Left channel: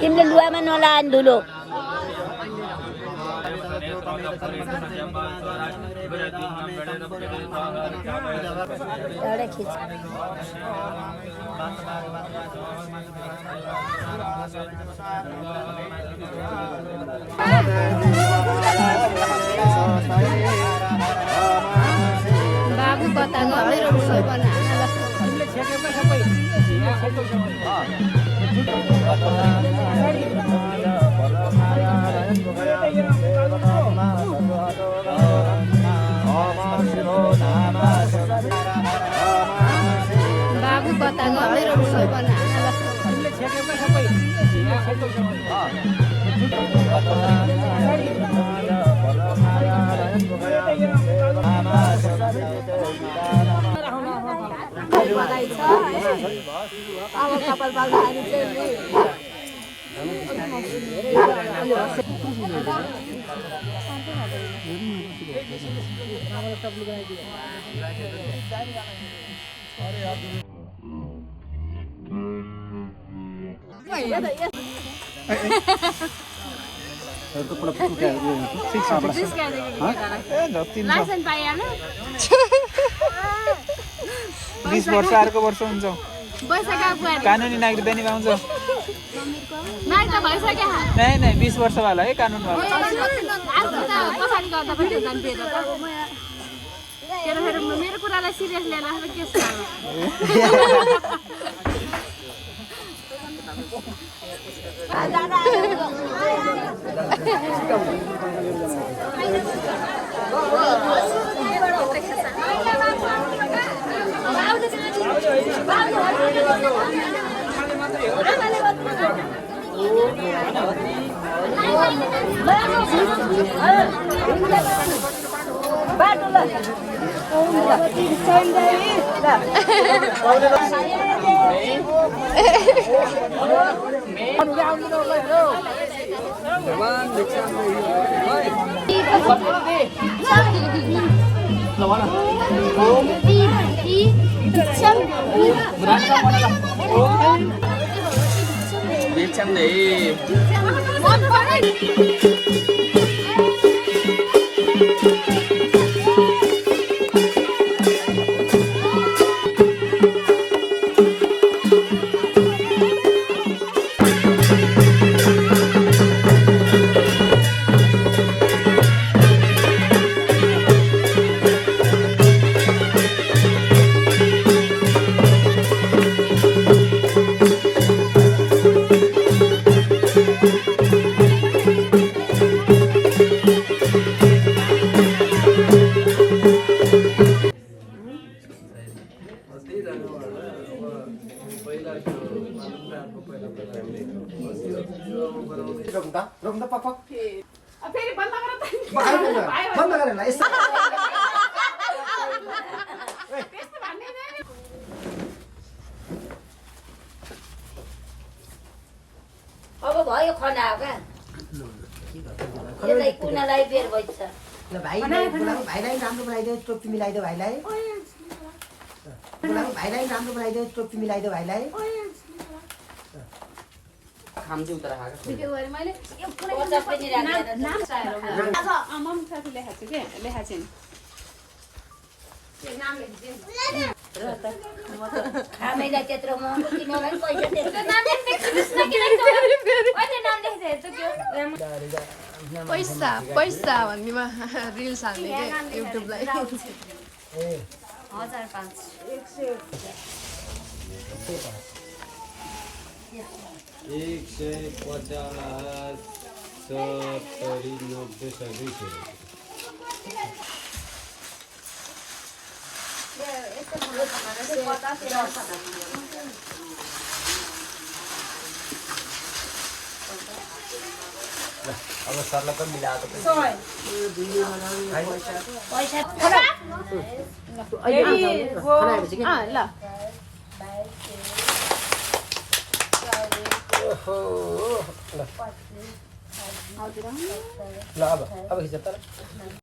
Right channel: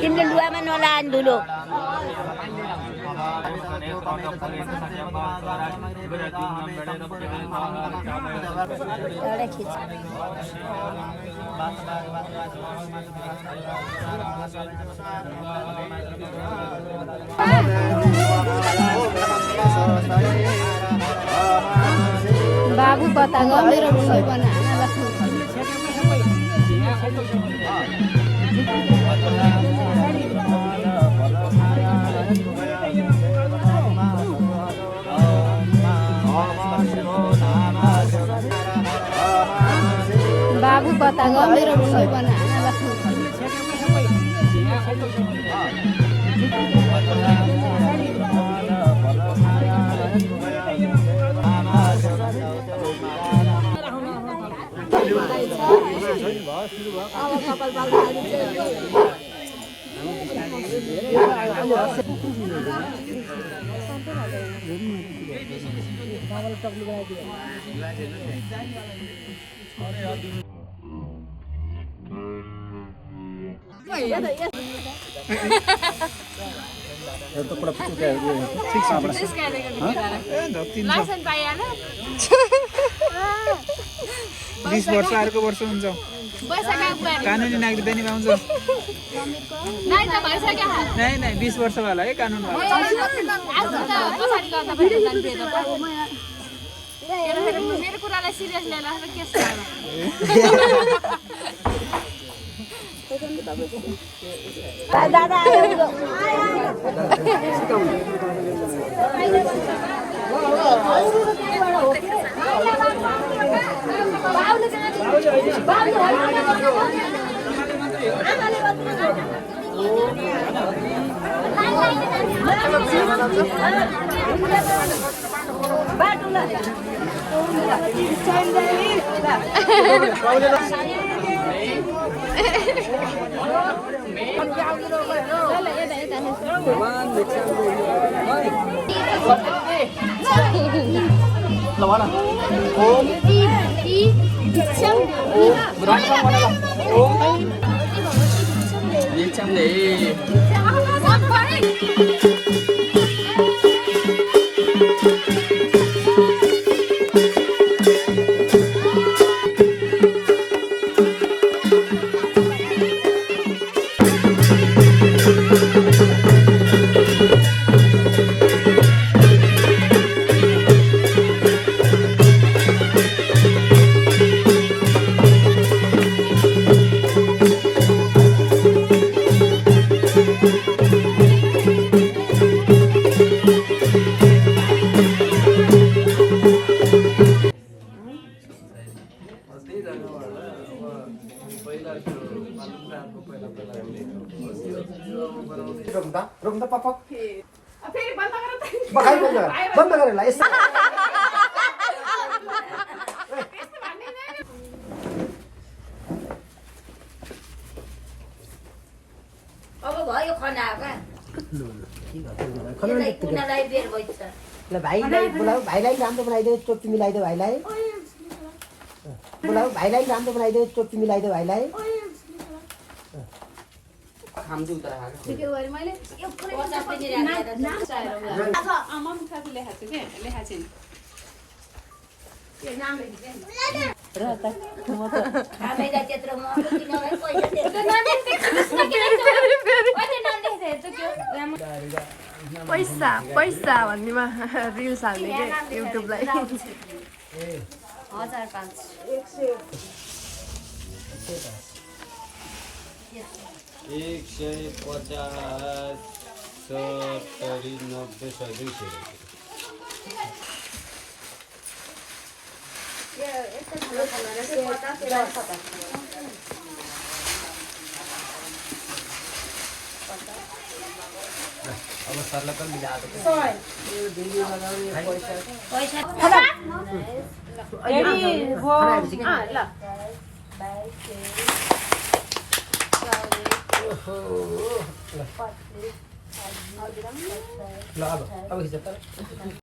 तिमीले लुगामा नलान धुलो बाबु कता गयो मेरो मुसै बनाउन ल बाबु कता गयो मेरो मुसै बनाउन ल अब कपाल पाल्दाखेरि चाहिँ लाइसेन्स पाइहाल्यो 20 वर्ष अर्को वर्ष हुन्छ कानुनी नागरिक बनी पाउँछ नाइ त भइसक्यो नहीं नहीं 20 वर्ष वाला है कानुन वाला आजको त पछाडि गर्दा पनि हुन्छ नि पेज त मेरो कुरालाई सिरियस लिएर के सानो रोक्दा पापा फेरि बन्द गरेर ल यस्तो अब भयो खना क्या कुनालाई बेर भइछ ल भाइलाई बोलाऊ भाइलाई राम्रो बनाइदेऊ टोपी मिलाइदेऊ भाइलाई बोलाऊ भाइलाई राम्रो बनाइदेऊ टोपी मिलाइदेऊ भाइलाई खामजु उता राखेको त्यो गरे मैले 50 पनि राखेर अब आमाम साथी लेखाछु के लेखाछिन त्यो नाम लेख्दिए हामीलाई त्यत्रो म किनलाई पैसा दिएको नाम पैसा पैसा भन्नेमा रिल्स हाल्ने के युट्युबलाई 50 ल अब खिच त